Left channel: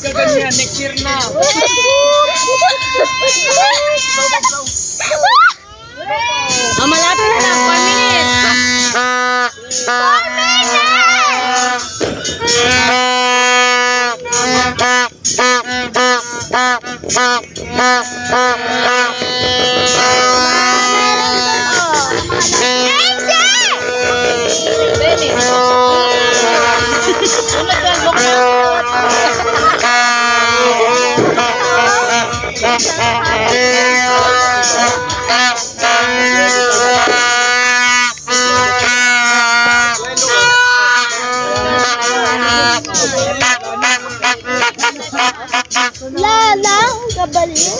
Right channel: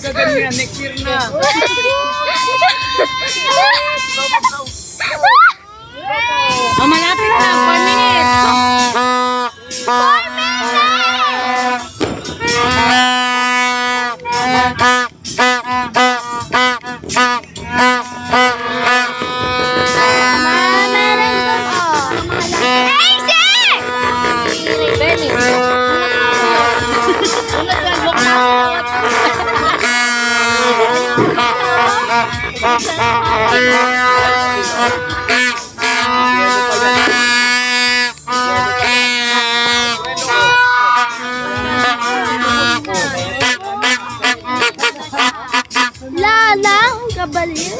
Magaganyan, next year na. Oh, malapit na. 4 minutes. 4 Lala, kabaliw.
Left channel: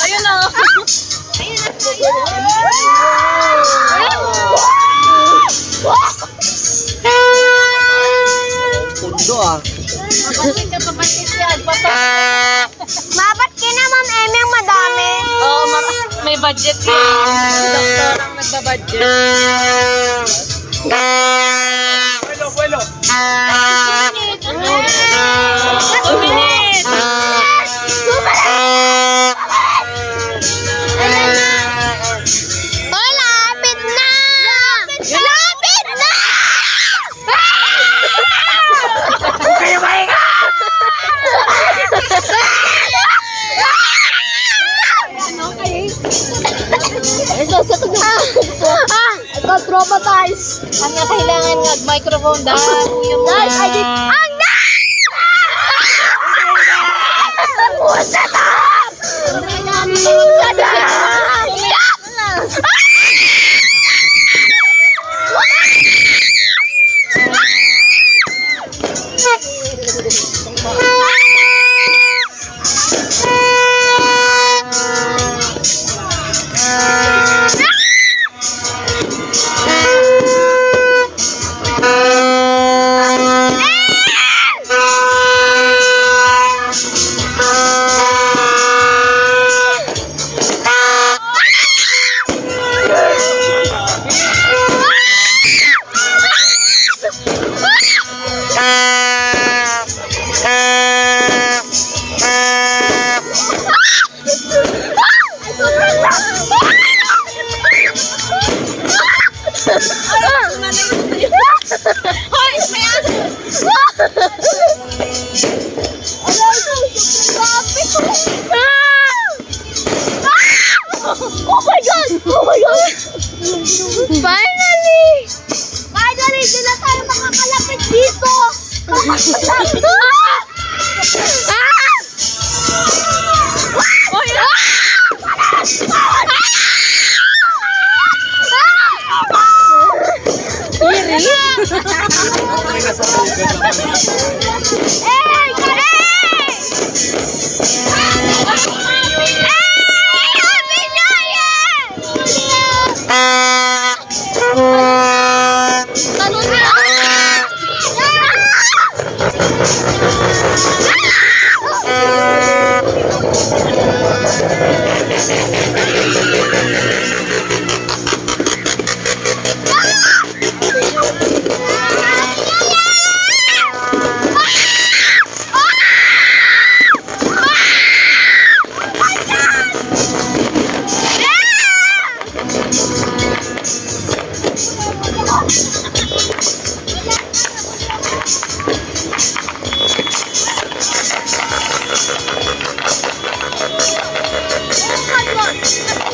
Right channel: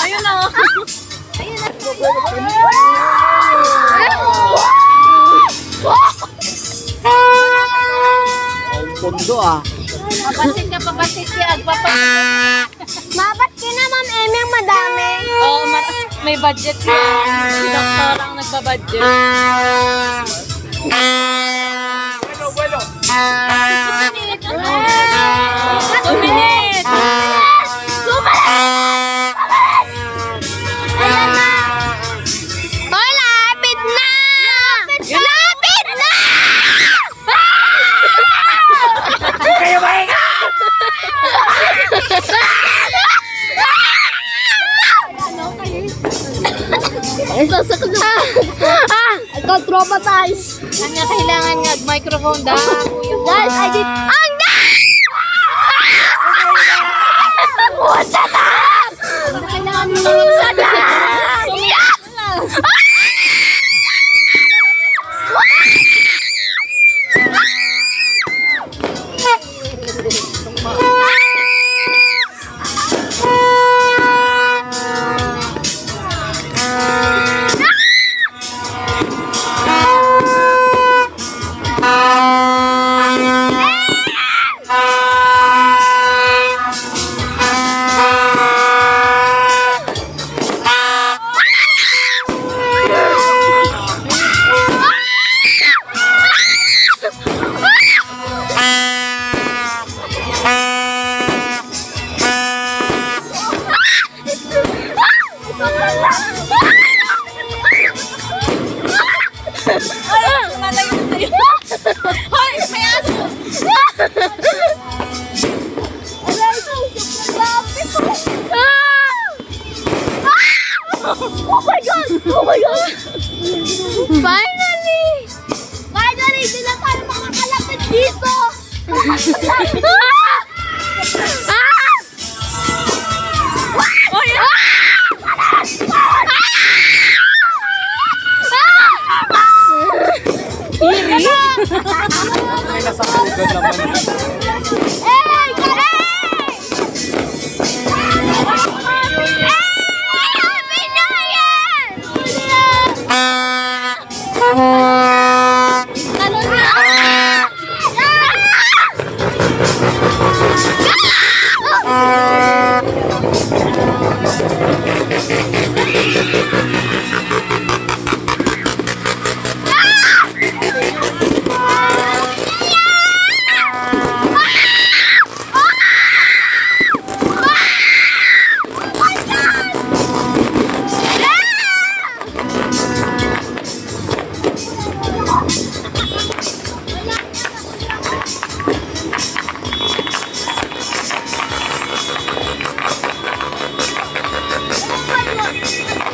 Ayun na. Pondo ah. Papasit ka, papasit yan. Mabat ka na, Ma'am Emeng, madami. Oo, may budget yun. Si doktor ang nagbabudget. Bueno. 2 minutes. Ayan na. Hoy, lapit na. Lapit na. Kayo mahinga! Ito, sa tunog. Ito, traumatize. Ang kailangan nga, microphone dahil. Guys, I did... Ang na! Sa darap! Sa darap! Hoy, may aso! Oh my God! Oh my God! Finally! Finally! Hindi na tayo makakalapit dito! Ay, nasa tugad naman. Come on.